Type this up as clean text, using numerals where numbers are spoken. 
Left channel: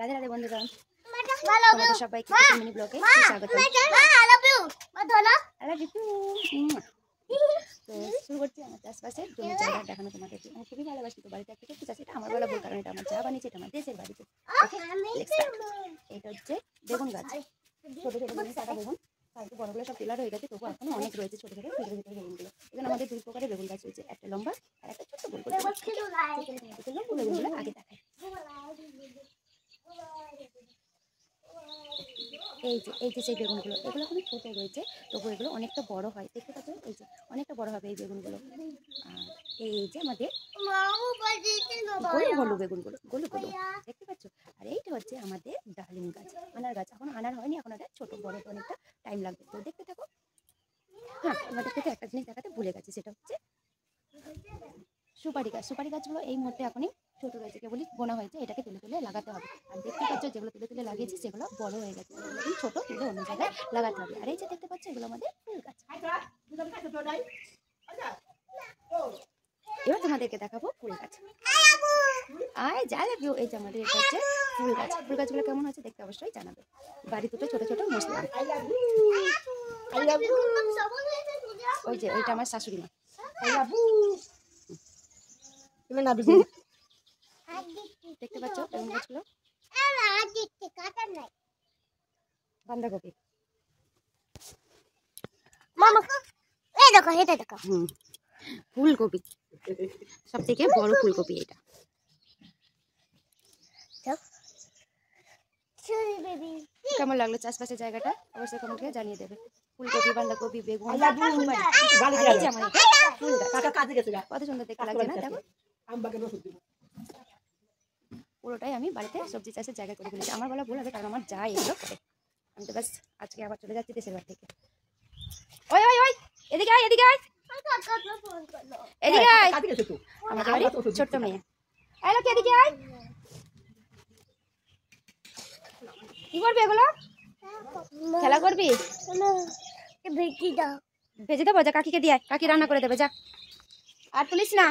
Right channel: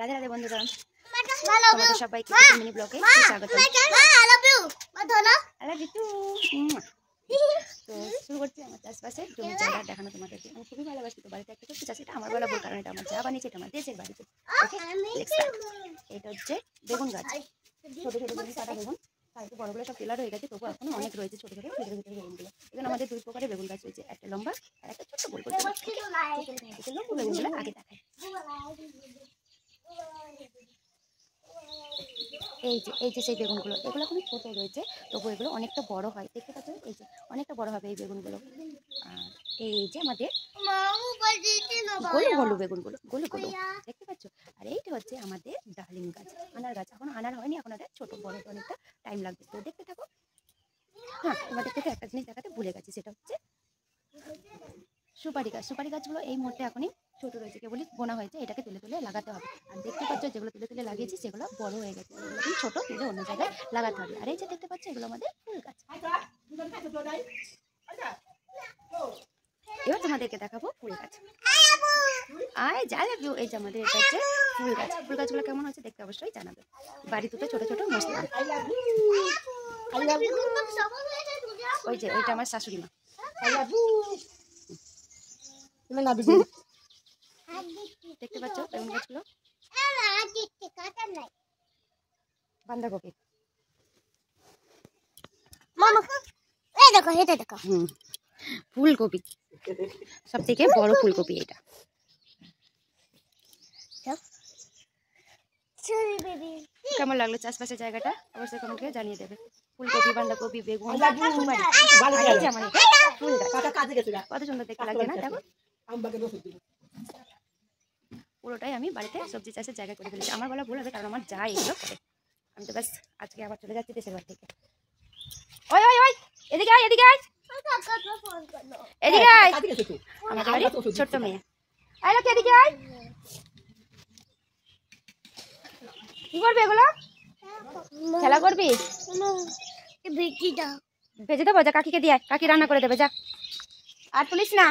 রাধে রাধে বন্ধুরা, তোমাদের সবাইকে মিনি ব্লগে স্বাগত। তো শুরু করছি আমার চাষবাসের জমি জায়গা দেখানো তোমাদেরকে। আমি খুবই ভালোবাসি, তো বাড়িতে একটা করতে চাচ্ছি, এটা আমার বলা বল, কারণ এটা আমার যা বানিয়েছে, এটা আমার দেশের বাড়িতে। এটা হচ্ছে বেগুন গাছ, ছোটো ছোটো বেগুন, কাটা বেগুন। একটু বড়গুলো সব টেলার হয়ে গেছে, তবু এখনো অনেক রয়েছে ছোটো ছোটো ভিতরে ভিতরে বেগুনগুলো। এখানে আমাদের দুই প্রকারের বেগুন গাছ রয়েছে, একটা লম্বা আর একটা ছোট্ট গোল গোল। লম্বা বেগুনগুলো আগে দেখায়। এই যে সেই বেগুনগুলো, এগুলো এখন ছোট রয়েছে, তবু এগুলো অনেকটা বড় হয়, দেখতে পাচ্ছ? এই যে অনেকটা বড় হবে এই বেগুনগুলো। আর এই যে আমাদের গোলু গোলু বেগুনগুলো, গোলু গোলু, দেখতে পাচ্ছ? আর এইটা হচ্ছে আমাদের ডালিম গাছ, আনার গাছ। এখন আনার হয়নি, এখন এটা ছোট, বড় তো অনেকটা টাইম লাগবে, তো দেখতে থাকো। হ্যাঁ, তোমাদের থেকে একটা জিনিস দেখাতে ভুলে গেছি, সেটা হচ্ছে সুপারি গাছ। সুপারি গাছগুলো এই মুহূর্তে এখনই ছোট রয়েছে, কেবলই বোনা হয়েছে, এটাকে তুলে তুলে লাগাতে হবে। আর দেখতে পাচ্ছ যেগুলো তুলে তুলে লাগিয়েছি সেগুলো বড় হয়ে গেছে, ছোট তুলে অন্য জায়গায় লাগাতে হবে। আর এই যে দেখতে পাচ্ছ, এগুলো আমাদের ফুল গাছ। এবার তোমাদেরকে দেখাবো ফুল গাছ। আয় যা লাগবে, এই যে আমাদের এটা হচ্ছে ফুল গাছ। ফুল গাছগুলো কেমন হয়েছে দেখতে অবশ্যই জানাবে। বাড়ি দুটো ছোট ছোট মশলা। ওই যে ওইটা আমার শাশুড়ি মা। দেখতে পাচ্ছ বেগুন গাছগুলো, বাঁধাকপি, ফুলকপি, সব থেকে বড় ফুলকপি এটা। কেমন লাগলো চাষবাসের জায়গাটা অবশ্যই কমেন্ট করে জানিয়ে দেবে। ফুলকপি, বাঁধাকপি, বেগুন, কত সুন্দর দেখতে লাগছে না? দেখো, পুরোটাই আমি বাড়িতে সবজি চাষের জায়গা করে ফেলেছি। আমার বলা ভুল হবে, কারণ আমার যা এগুলো করে। আমি তো ব্যাস আজকে আবার চলে যাচ্ছি দেশের বাড়ি থেকে। ওই ওই ওই এদিকে আয়, এদিকে আয়, এদিকে আয়। আমাদের বাড়ি ছোট্ট মেয়ে, আয় লোক এদিকে আয়। কি করবি এগুলো? খেলা করবি? ভেজে দেবো, যা কাকিকে দিয়ে, কাকি রান্না করে দেবে, যা। আর তুলিস না।